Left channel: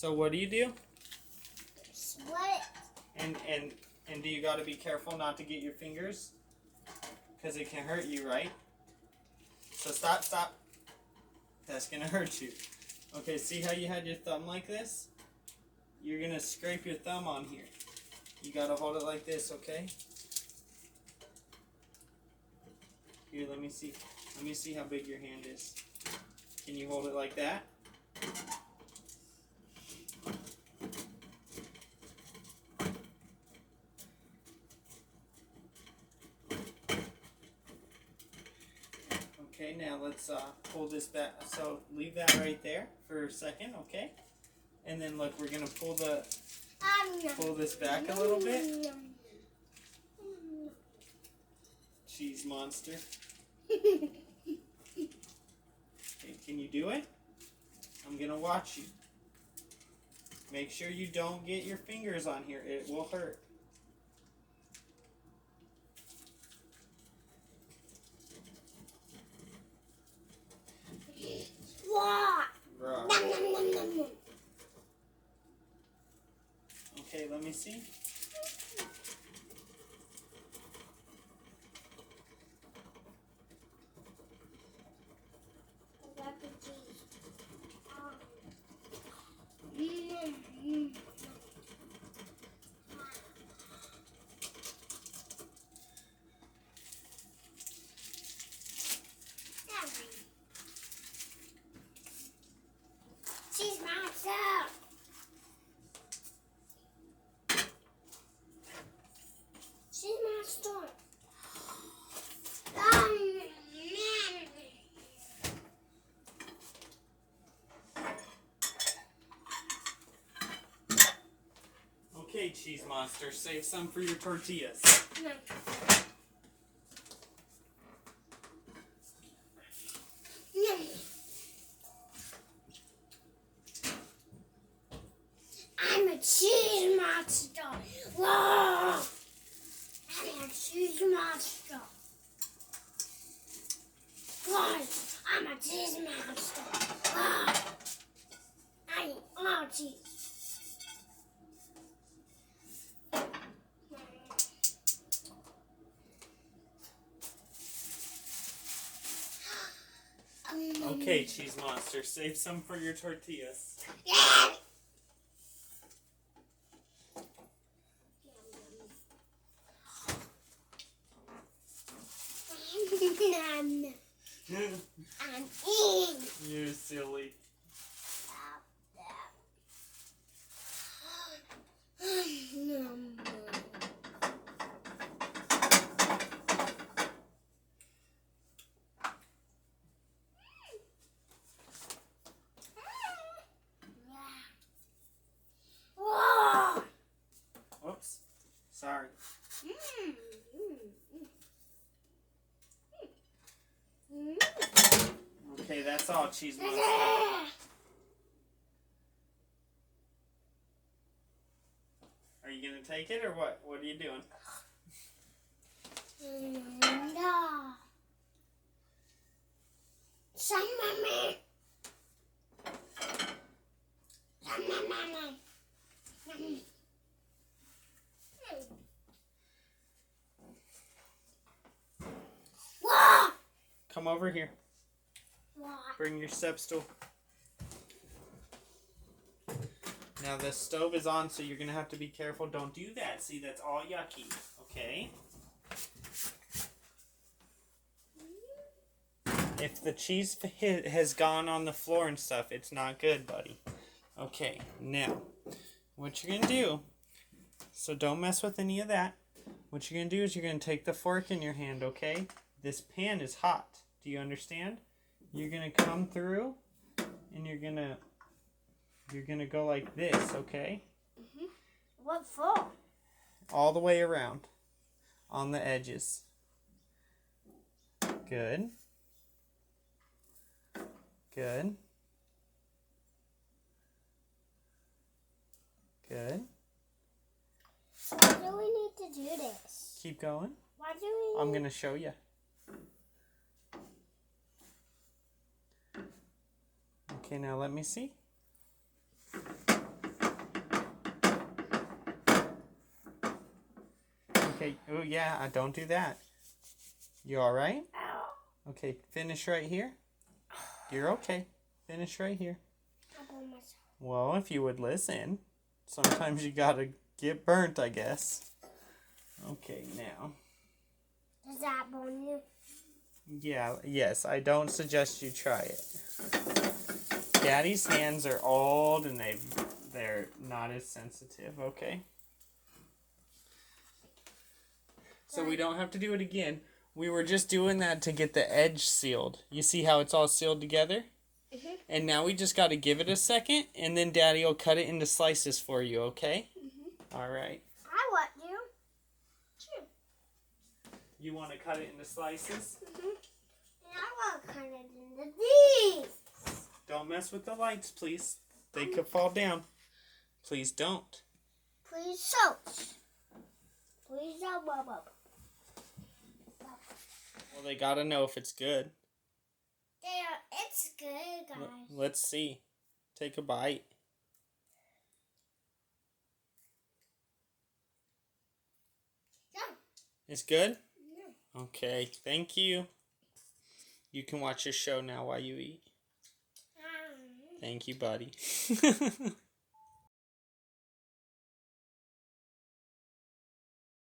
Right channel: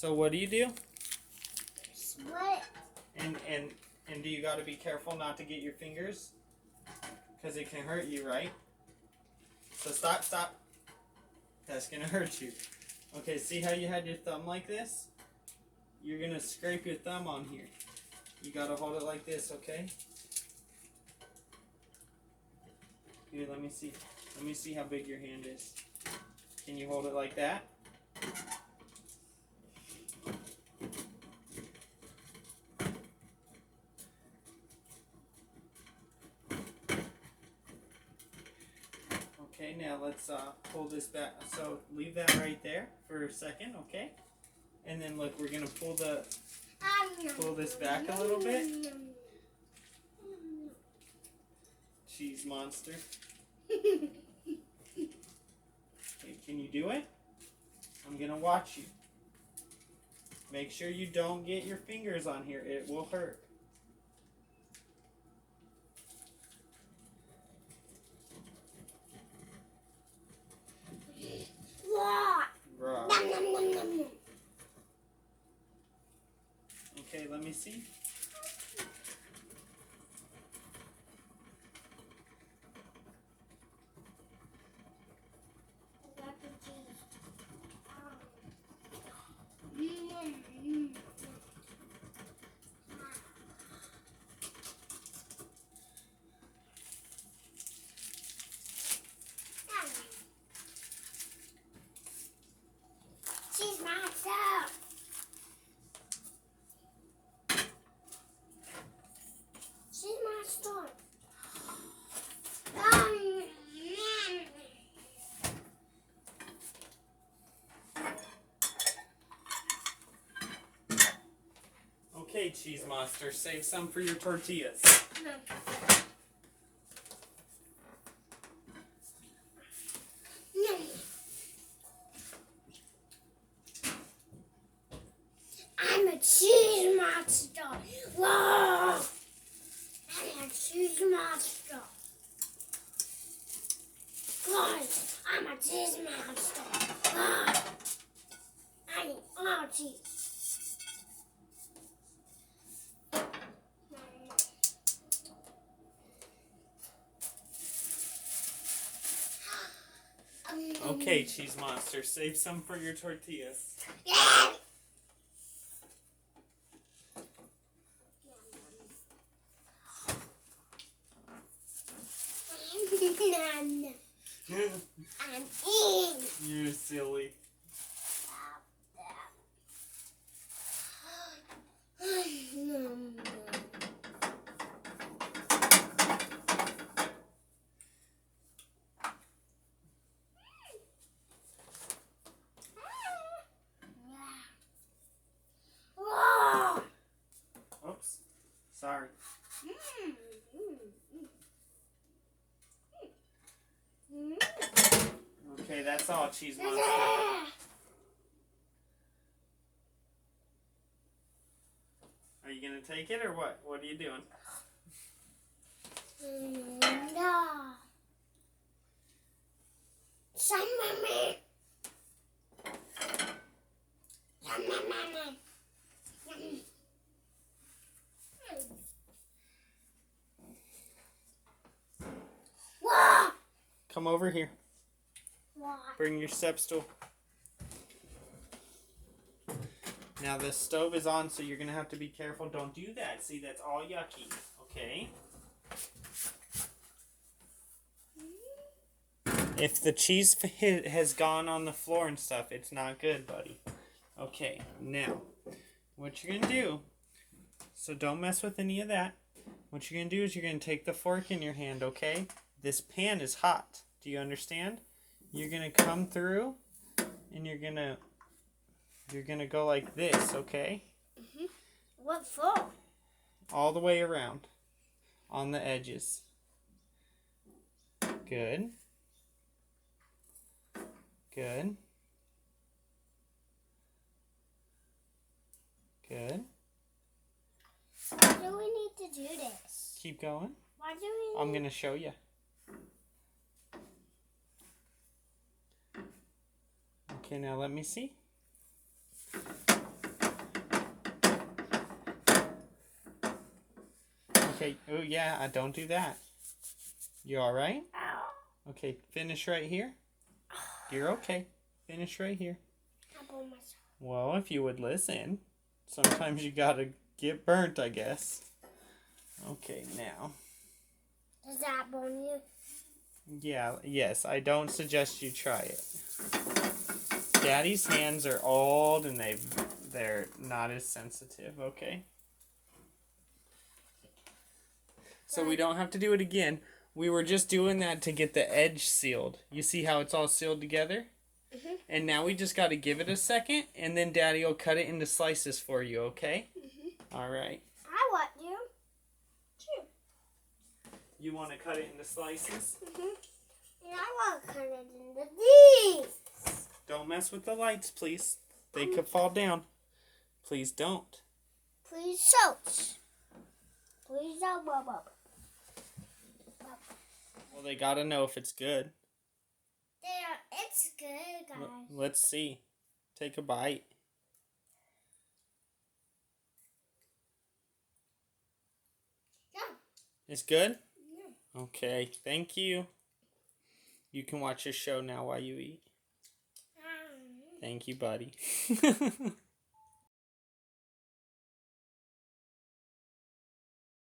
So what do you do? Split. And do you got to be careful not to get your fingers? Because it can hurt you, right? So stop. That's going to hurt you. Okay, see how you had your thumb like this? You're going to scrape your thumb on here. You got to hold it like this, okay? Here, let me see. Let me see how big your hand is. Can you hold it like that? Okay, now let's pull this back. So leave that right there for a second, okay? And then look, we're gonna pull this back a little bit. Cheese monster. Okay, can you do it? I'm gonna watch you. Make sure you don't get your fingers on here. It will hurt. Raw. Okay, let me see. Cheese monster. Cheese monster. Okay, cheese monster, save some for your tortillas. No. I'm a cheese monster. Whoa! I'm a cheese monster. Guys, I'm a cheese monster. I eat all cheese. Okay, cheese monster, save some for your tortillas. Yeah. I'm eating. You're silly. Oops. Sorry. Okay, that's all, cheese monster. Are you gonna take it or what? What are you doing? Come over here. Bring your step stool. Now the stove is on, so you're going to have to be careful. Don't do that. See, that's all yucky. Okay? If the cheese has gone on the floor and stuff, it's not good, buddy. Okay, now, what you're going to do, so don't mess with any of that. What you're going to do is you're going to take the fork in your hand, okay? This pan is hot. Do you understand? You're going to come through, and you're going to go like this, okay? Mm-hmm. What for? All the way around on the edges. Good. Good. Good. Why do we need to do this? Keep going. Why do we I'm going to show you. Okay, now let me see. Okay. Oh, yeah. Don't do that. You all right? Okay. Finish right here. You're okay. Finish right here. Well, if you would listen. Sometimes you gotta get burnt, I guess. Okay, now. Does that burn you? Yeah, yes. I don't suggest you try it. Daddy's hands are old and they're not as sensitive, okay? So we don't have to do it again. We were just doing that to get the edge sealed. You see how it's all sealed together? Mm-hmm. And now we just got to give it a second, and then Daddy will cut it into slices for you, okay? Mm-hmm. All right. I want you. Too. You want to cut it into slices? Mm-hmm. And I want to cut it into these. Don't mess with the lights, please. They could fall down. Please don't. Please don't. Please don't, Bubba. Well, they got to know if it's good. It's good, guys. Let's see. Take a bite. Yeah. It's good? Yeah. Okay, thank you. You can watch your show now while you eat. Thank you, buddy.